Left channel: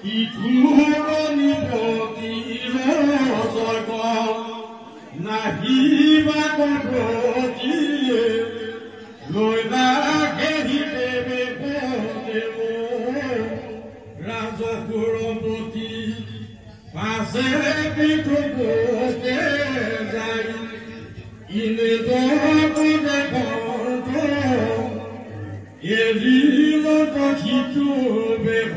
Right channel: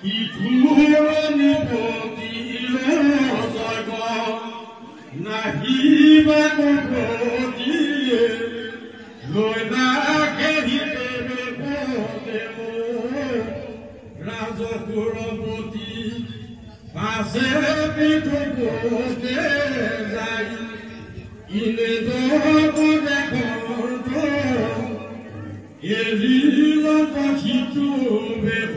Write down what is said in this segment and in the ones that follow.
ইঠুৰণি পতিৰে জগ নাহিবা কটিয়ে লৈ নাঘেৰিতে বেপদেৱ ৰাজপুৰপতি পাছে পিঠুতে যাই ইনে দেখত এৰিল কথিতো বেশ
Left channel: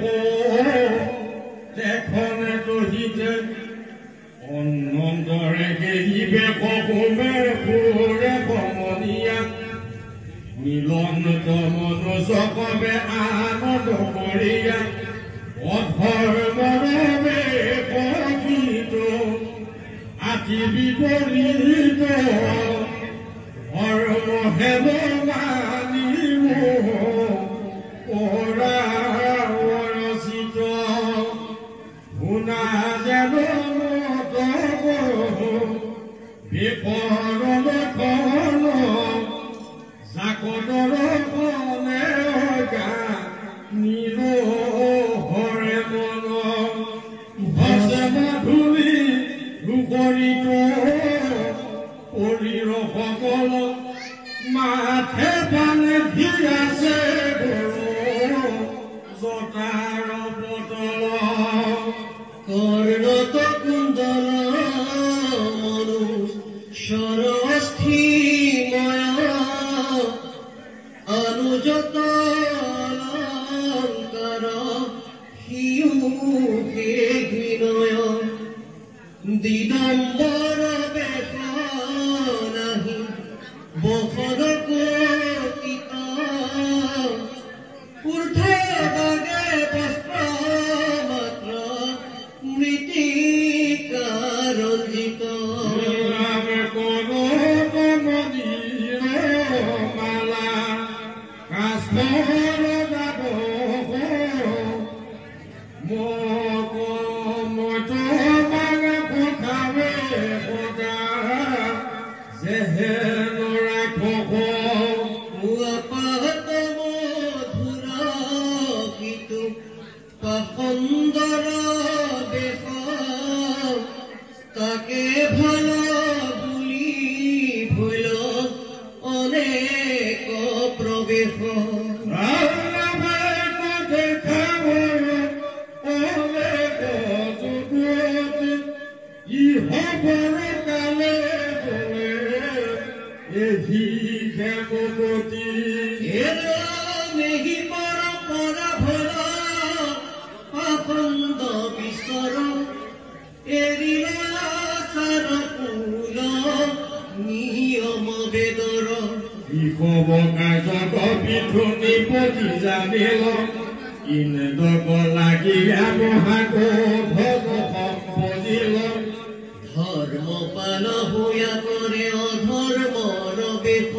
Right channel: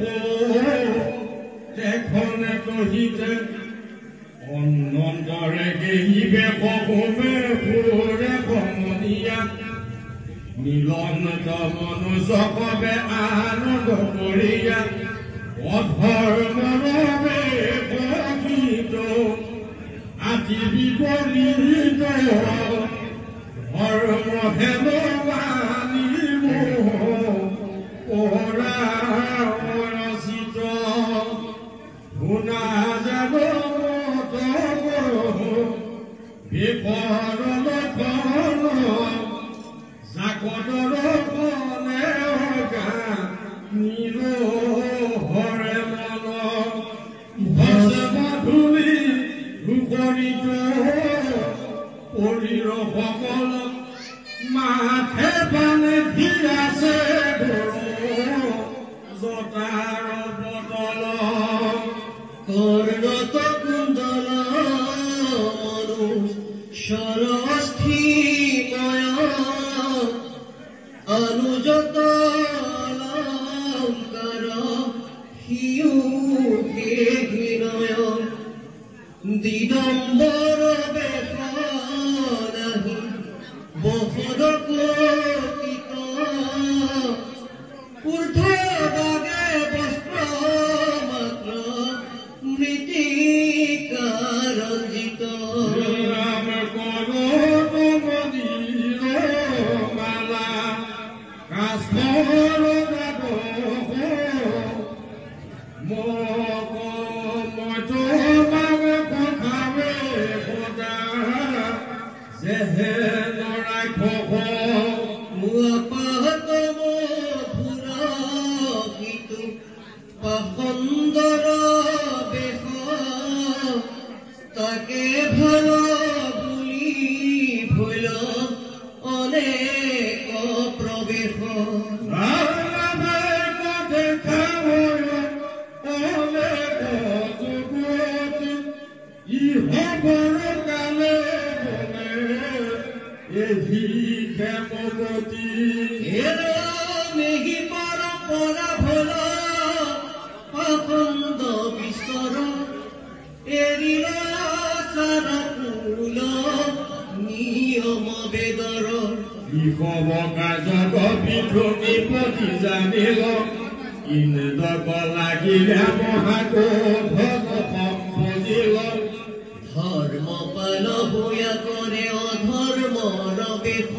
দেখনে কহিতে অনন্তৰে গেহিবে কহুমে ফুৰে কমনীয়া মিলন মনুষ্যকবে আনন্দ কৰিয়া অধৰ মৰমে প্ৰকৃত আতি বিপৰীত ধৰ্ম হেম মানিব পৰা ৰচিত শুনা যাব মত বিপৰ লক্ষণ জাকতৰ ফলে নীল হৰে মন ভসে মধুৰী দুপৰিত শৰীৰ সকল মাথে পানে ভিৰাছে জটাৰ বটল কৰ্ণত কুণ্ডল মনু সৰস্থিময় অনুজত অলংকাৰ হিউকে বিনয় দিগম্বৰ বেশ নাহি বসদ কপিত ঊৰ্ধ্বভাগে বস্ত্ৰ মাত্ৰ মৃত্তিকাৰঞ্জিত ৰাম কৰত মদিৰ মালা কাষ্ঠৰ গাব সুন্দৰ বেশ তাকে ভাল বুলি ভৈল অনেক প্ৰবেশ নেহি পৰা ভল আখন্দ বিচৰ এৰিলা চাৰ কুল নিয়ম বেদৰ ইকব কাজক পিঠুনি পতি জানিল ইন্দ্ৰক লাগিলে মহাকোধ সম্পদিল ধৰ্ম পাল হোয়া কৰে অধৰ্মৰ বেশ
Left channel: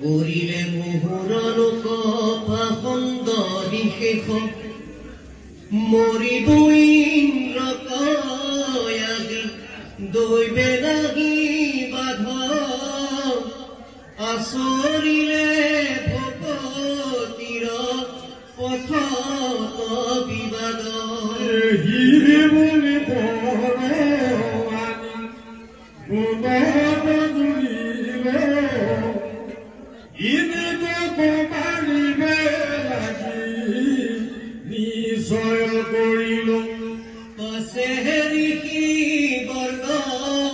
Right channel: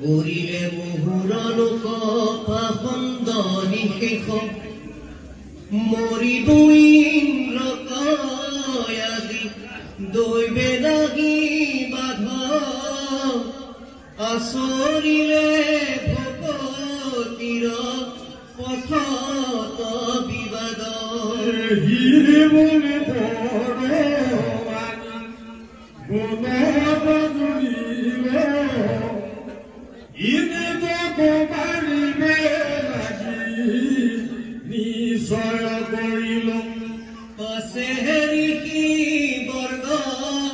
কৰিলে মুহুৰ লোক পাখন্দ নিশেষ মৰিব ইন্দ্ৰকয়াদি দৈবে লাগি বাধ আচৰিলে ভকতিৰ পথত বিবাদ নিশ্চয় কৰিলো পাছে ঋষি